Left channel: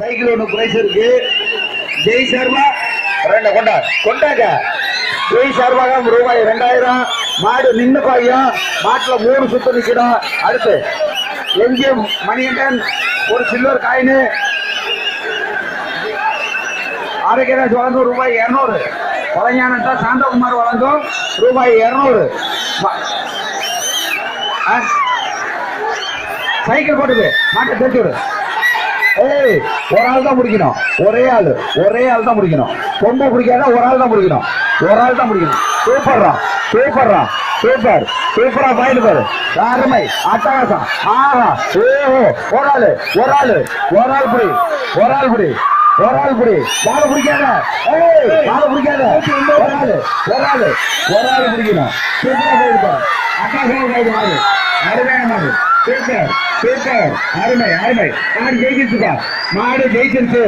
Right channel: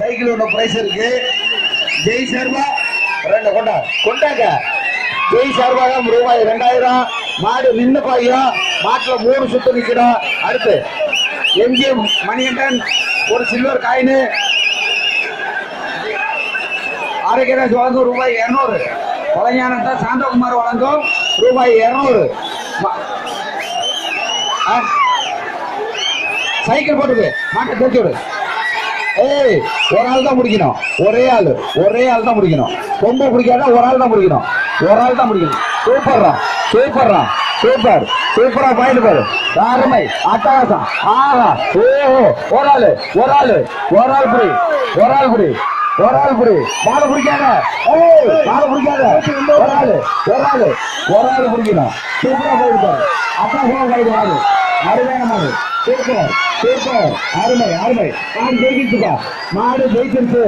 Cycle ஒண்ணு price இருக்கு. ஜெய் சர்மா கொண்டாங்க. ஜெய் சர்வாக ரூபாய் 2000. மாடு நின்று பாயும். மாட்டுல 3 சுத்து நிக்கணும். அடுத்து எம்ஜிஎம் மணிகண்டன் ஒரு சில்வர் காயின். ஆரோக்கியராஜ் வழங்கும் ரூபாய் 200. கொலைஞானத்தா சாந்தகுமார் வழங்கும் ரூபாய் 200. சைக்கிள் போட்டுது மாட்டை தேச்சு விடு. ஏய், ஒரு ஆள் தான் முடிக்கணும். ஒரே ஆள் தான் முடிக்கணும். கொம்பு பிடிக்காத ஒரு ஆள் தான் முடிக்கணும். சூப்பர்ரா சூப்பரா பாயிண்ட் பாரு. அருமை, அட்டகாசம். ஆஹா, ஓஹோ, ஒரு ஆள் புடி. காலை பிடிக்காத. ஒரு ஆள் பிடிக்கணும். சூப்பரா போயிட்டு பாரு. அட்டகாசமா போயிட்டு பாரு. அருமையான மாடு. சூப்பர். அருமை. மாடு ஜெயிச்சிருச்சுப்பா. மாடு ஜெயிச்சிருச்சு.